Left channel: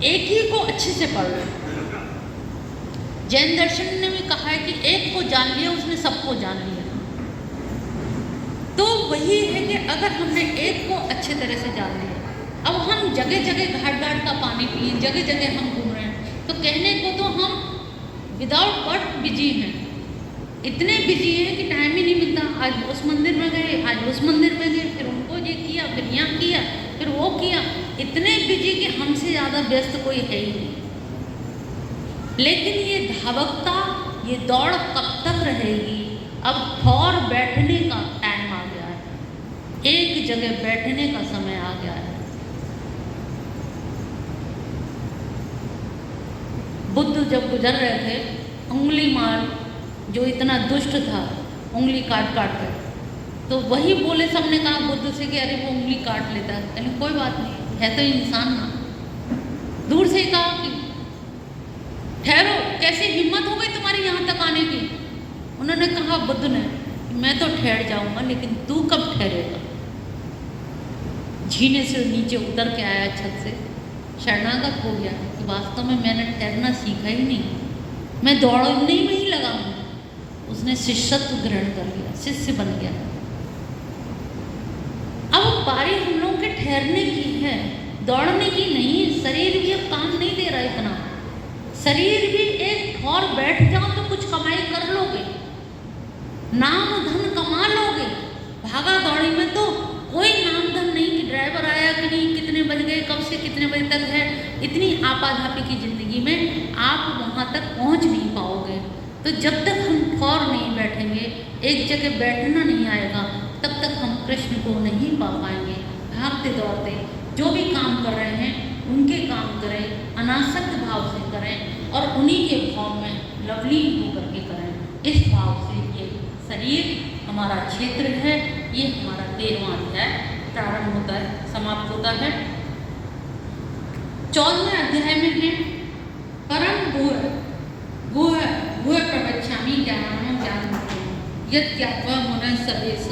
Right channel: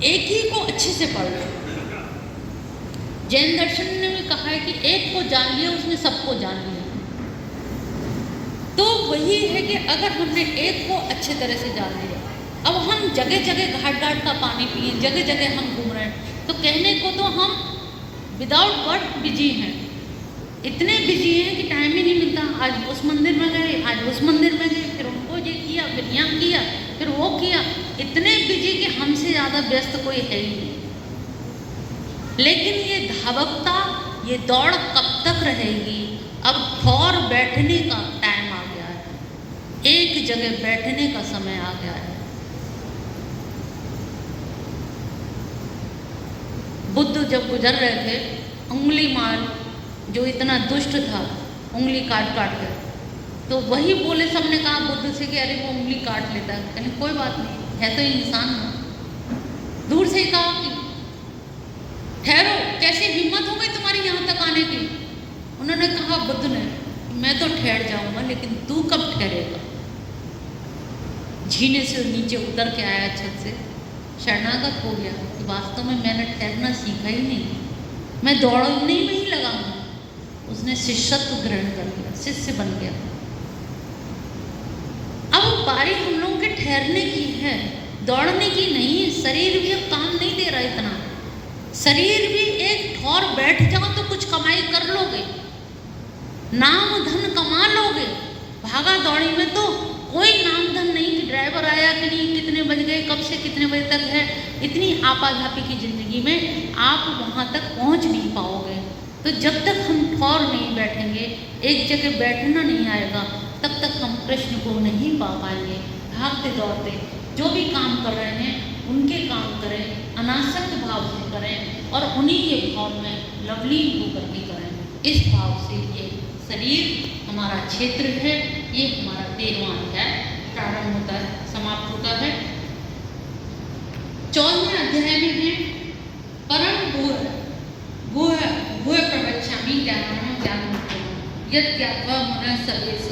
एक ही को अच्छे से पढ़ लो। जैन दर्शन ने भी कहा है कि एक को जान लिया उसने सबको जान लिया। तो वही है कि अगर हमने एक को अच्छे तरह से जान लिया, अब हम जगह जगह घाट घाट का पानी पिए, जगह जगह हम घूम रहे हैं, तो कहने को तो हम विदाउट वर्क बिजी हैं, इतने बिजी हैं कि टाइम ही नहीं मिलता। आज उस मंदिर में गए, आज उस मंदिर में गए, फिर उनको ये किया, फिर यहाँ किया, फिर वो किया, इतने बिजी कि हमसे ज़्यादा व्यस्त कोई है ही नहीं। लेकिन ये धावकता, ये दौड़ कब तक रहेगी? अब ठौर बैठने का टाइम आ गया है, एक जगह बैठने का समय आ गया है। बुद्ध जब गुजर रहे थे, उंगली मार जो इतना दुष्ट था, उंगली काट काट कर, तो वही बोले, सबने कहा बुद्ध से कि अरे वो उंगली काट लेता है, कहने कोई बात नहीं, है तो इंसान ना। दूर से कहा कि ठहरो, कैसे हिम्मत हो गई तुम्हारी यहाँ तक आने की? उन्होंने कहा बुद्ध ने, मैं तो ठहर जाऊंगा, लेकिन तू कब ठहरेगा? झीने से नीचे उतर के आया छत से, शरणागत हो गया कि वास्तव में मैंने ठहरना सीखा ही नहीं, मैं दौड़ने में ही लगा हूँ। उसने शिष्यत्व ग्रहण कर लिया, शिष्य बन गया। अब बारी हम लोगों के ठहरने की है, दौड़ने की नहीं। शरीर भी अब काम नहीं दे रहा इतना, शरीर भी एक ठौर बैठ जाओ तो कुछ कमाई कर लोगे, नाम धन कमा लोगे। भागा दौड़ी में तो कोई नाम धन नहीं, ड्राइवर आया कि नहीं, कितने बज गए, कब से कितने बजे तक है, इतनी आपाधापी की जिंदगी में आप वहाँ तक पहुँच नहीं पाओगे। तो जब तक हम ठौर नहीं बैठेंगे, एक जगह बैठना नहीं आएगा, तब तक हम कृष्ण को नहीं पा पाएंगे। भागते दौड़ते जो भी काम कर रहे हैं उनके काम करें, अनासक्त भाव से करें और उन्हीं के भाव में लवलीन होकर के करें। इस भाव से ये शरीर हमारा क्षेत्र है, ये हमारा 13वां अध्याय प्रारंभ होता है, समाप्त होता है। 14वें अध्याय में है परम भूय प्रवक्ष्यामि ज्ञानं ज्ञानमुक्तम् यत् ज्ञात्वा मनः सर्वेश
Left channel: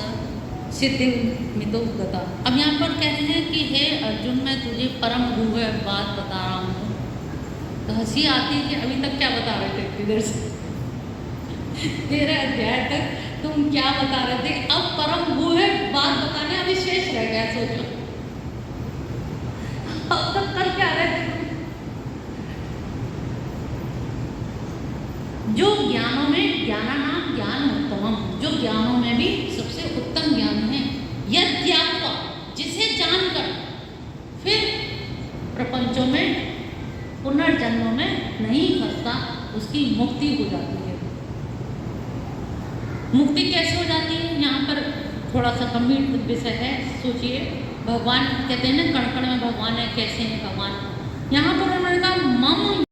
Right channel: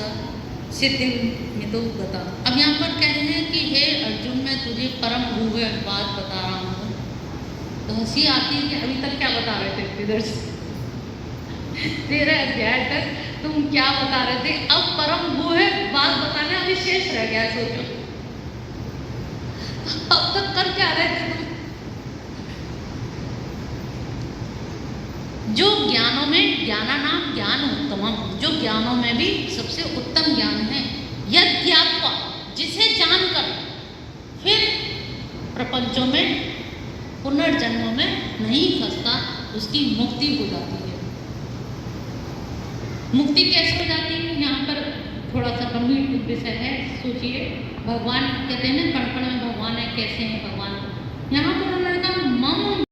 सिद्धिमितो गता। अब यहाँ पर कहते हैं कि हे अर्जुन, मैं तुझे परम भूय बात बता रहा हूँ। तो हंसी आती है कि अभी तक क्या बता रहे थे इधर से 13 अध्याय तक तुम क्या बता रहे थे, अब परम भूय बात बताने अभी शेष रह गया। सोचो अब तक कर क्या रहे थे तुम? जो ज्ञानों में ज्ञानानाम ज्ञान उत्तमम, जो ज्ञानों में भी सबसे उत्तम ज्ञान है, यद ज्ञात्वा, जिसे जानकर फिर प्रपंचों में पुनर्जन्मों में नहीं फंसता, उसकी मुक्ति हो जाती है। मुक्ति कैसे हो जाती है? यहाँ पर थोड़ा सा गंभीर विषय है, सोचिए। भगवान कहते हैं ना, कण कण में भगवान है, कैसे है भगवान? यहाँ पर उन्होंने कहा मम